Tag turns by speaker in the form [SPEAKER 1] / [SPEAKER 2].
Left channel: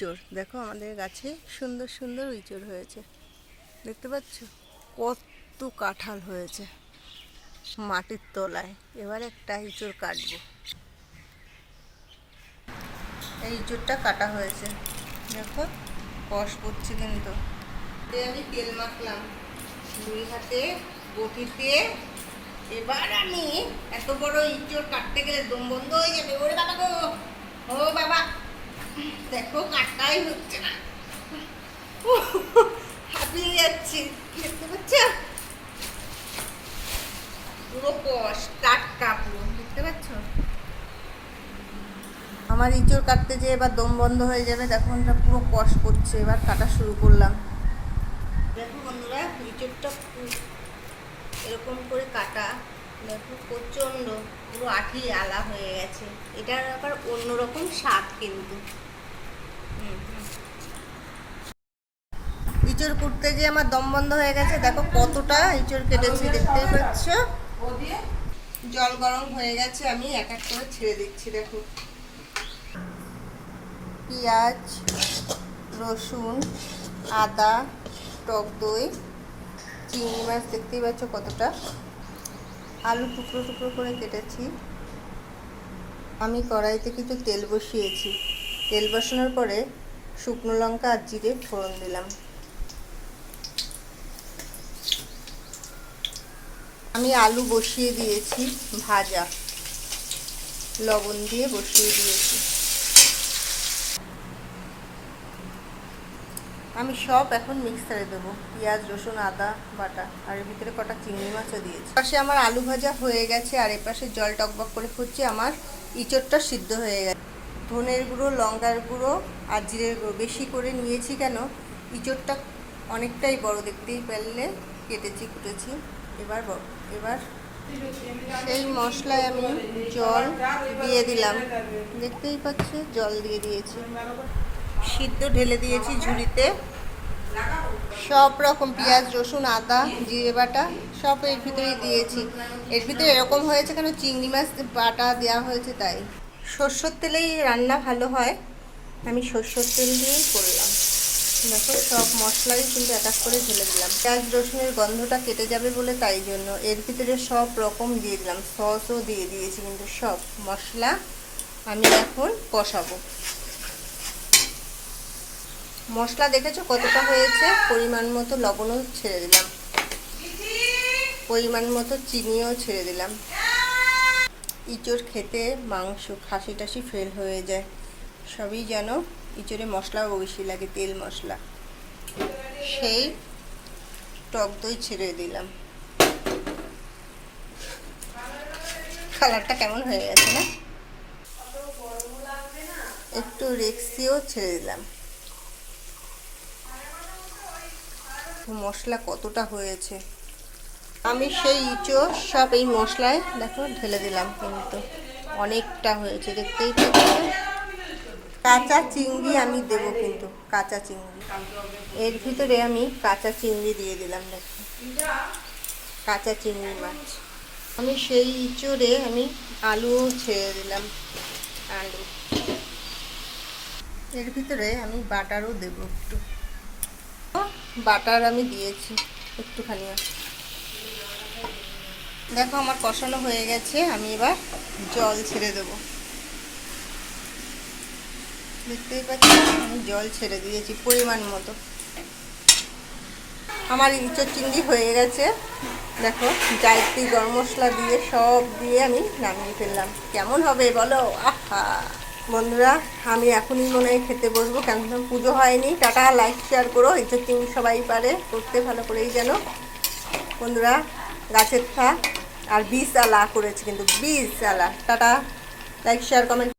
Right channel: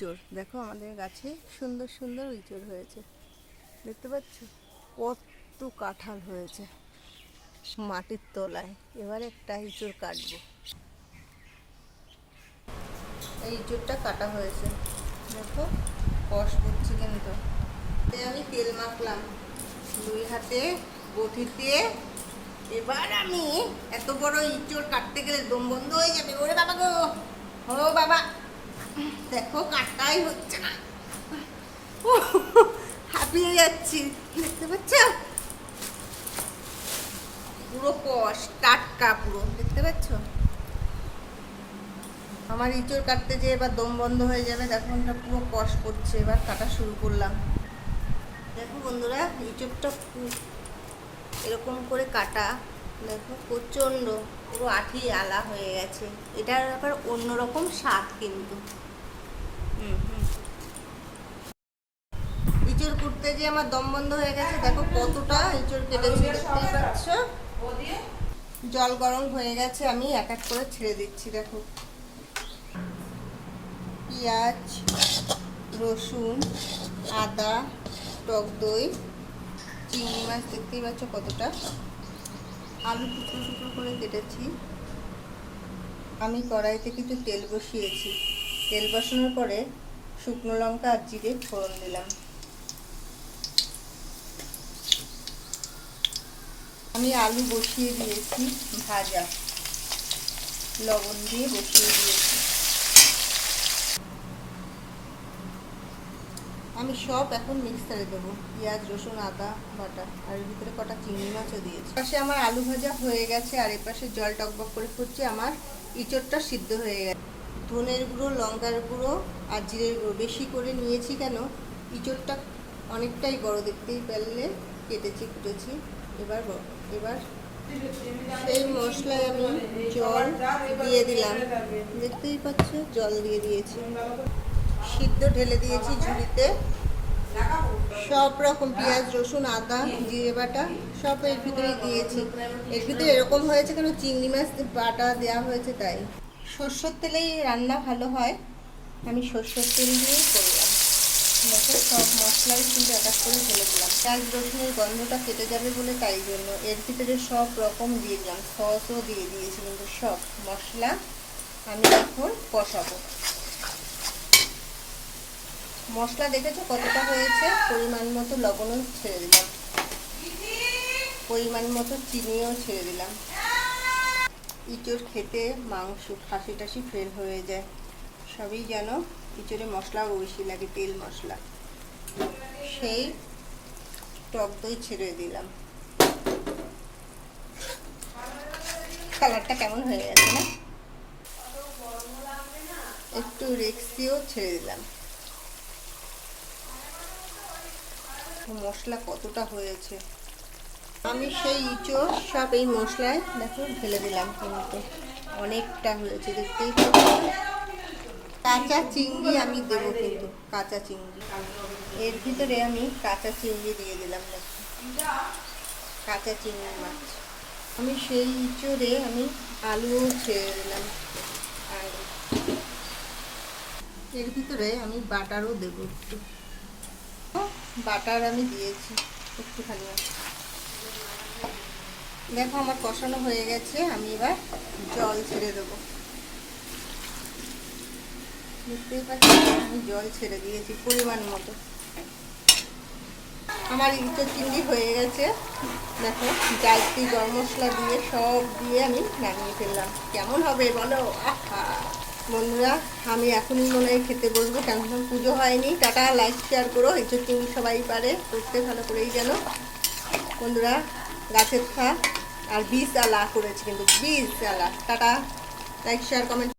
[SPEAKER 1] ইঁচড়। দেখো আমাদের গাছে সুন্দর সুন্দর ইঁচড় হয়েছে। দেখতে পাচ্ছ? কত কাঁঠাল হয়েছে মাটির তলায়। এবার একটা ইঁচড় কাটবো। এই ইঁচড়টা কাটা হয়েছে। দেখো, কষ করছে কিন্তু। আমি তেল মাখলাম। দুই হাতে বটিতে এবার আমি এত বড় ইঁচড় কাটতে গেলে দম বন্ধ হয়ে যাবে। ওরে বাবা গো! ও বাবা! দেখো, কাটাই হচ্ছে না। হাঁপিয়ে যাচ্ছি, দেখতে পাচ্ছ? পুরো কষ টাটকা পুরো, দেখতে পাচ্ছ? আমার ইঁচড় কাটতে যেয়ে এবার দম বন্ধ হয়ে যাবে, দেখো এটা পুরো কষ করছে, এবার কাটা শুরু করলাম। দেখো বন্ধুরা, ইঁচড়টা এরকম করে কাটা, দেখো প্রচণ্ড, পুরো আঠি আলা হয়ে গেছে। এটার আবার অন্যরকম স্বাদ কিন্তু। ইঁচড় কুটতে গিয়ে আমার দম বন্ধ হয়ে গেছে। দেখো কতটা ইঁচড় কেটেছি দেখতে পাচ্ছ? জল গরম হয়ে গেছে, আমি এক এক করে ছেড়ে দিচ্ছি, দেখো। পেঁয়াজ, রসুন, আদা, টক দই, চিংড়ি মাছ, দেখতেই পাচ্ছ কতটা। আলু টুকরো টুকরো করে কেটেছি। আমি কড়াইতে কিন্তু তেল বসিয়েছি। তেল বসানোর পরে শুকনো লঙ্কা আর জিরে ফোড়ন দিলাম। আমি আলু বসিয়ে দিয়েছি ভাজা। লবণ দিয়ে বসিয়ে দিয়েছি। আমি সব এখন মিক্সারে দেবো। পেঁয়াজ, রসুন, আদা, বাটা আর এর ভিতরে কটা চিংড়ি মাছও দিয়েছি। পাশে আমার আলু ভাজা হয়ে গেছে আর এপাশে জল টকবক করে ফুটছে। আমার ইঁচড়টা সিদ্ধ হয়ে গেছে। ধনের গুঁড়ো, লঙ্কার গুঁড়ো আর জিরের গুঁড়ো। বেশি করে নিয়েছি কেন? ইঁচড়টা অনেকটাই বড়, দেখতেই পারলে কেটেছি, কুটেছি। এবার এবার সেই মশলায় আমি জল দিয়ে দিলাম। দেখতেই পাচ্ছে, জল দিয়ে দিয়েছি। সিদ্ধ ঢেলে দিয়েছি ঝুড়িতে। সব রকম পেঁয়াজ, রসুন, আদা, জিরে বাটা সব এর ভিতরেই দিয়েছি। এর ভিতরে এরকম হয়েছে কেন? চিংড়ি মাছ বাটা দেওয়া হয়েছে তাই। সর্ষের তেলেই রান্না ভালো হয়। আমি সর্ষের তেল দিয়েই করলাম। দেখো, সব মশলাই কিন্তু এক এক করে ঢেলে দিলাম। পেঁয়াজ, রসুনের গন্ধটা কেটে যাবে বলে তাই জন্য। এর ভিতরে সব রকম দিয়ে দিলাম। সসও দিয়ে দিয়েছি কিন্তু সব মশলা আমি এখন কষাবো। মশলা দেখেছ কতটা হয়েছে? পরিমাণ মতো লবণও ছেড়ে দিলাম। পরিমাণ মতো চিনিও ছেড়ে দিলাম। ইঁচড় খেতে মাংস খাসি টাসি ফেল হয়ে যায়। সবই যেন ইঁচড়ে মশলাও বেশি লাগে, তেল মশলা। সেই টক দই ছেড়ে দিলাম। কালারটা কেমন হয়ে গেছে না? একটু রেক্সিও ছেড়ে দিলাম। মশলা কতটা হয়েছে? আমি সেই ইঁচড়, সব এই মশলায়, দেখো, ঢেলে দিলাম কিন্তু। অনেকটা হয়েছে, দেখতেই কাঁচা চিংড়ি আমি দেব কিন্তু, কাঁচা চিংড়ি। এর ভিতরে আমি কাঁচা চিংড়ি দিয়ে দিলাম, দেখো। কাঁচা চিংড়ি মাছ। আমি সেই ইঁচড়ে আমি আলুও ছেড়ে দিলাম আলু এর ভিতরে আমি বাটারও দেবো একটু। বাটার আমি দিয়েছি একটুখানি। দেখো আমার কষানো হয়ে গেছে, আমি এবার জল ছেড়ে দেবো। দেখতেই পাচ্ছি, আমি জল ছেড়ে দিয়েছি পরিমাণ মতো। আমার ইঁচড় চিংড়ি হয়ে গেছে। দেখো, জায়ত্রী গরম মশলা দিয়ে সব দিয়ে আমি নামিয়ে ফেললাম। কেমন হবে বলো? আহা! বন্ধুরা, আমি এখনই মনে হয় খেতে বসবো। কেন পুজো হয়নি। টাটা লাইক শেয়ার করো। ইঁচড় চিংড়ি সবাই পারে। করতে ভালো করেই যেন বন্ধুরা গাছের খা আর বীজ আলা করেছে কিন্তু বীজ আলা টাটা। Like share comment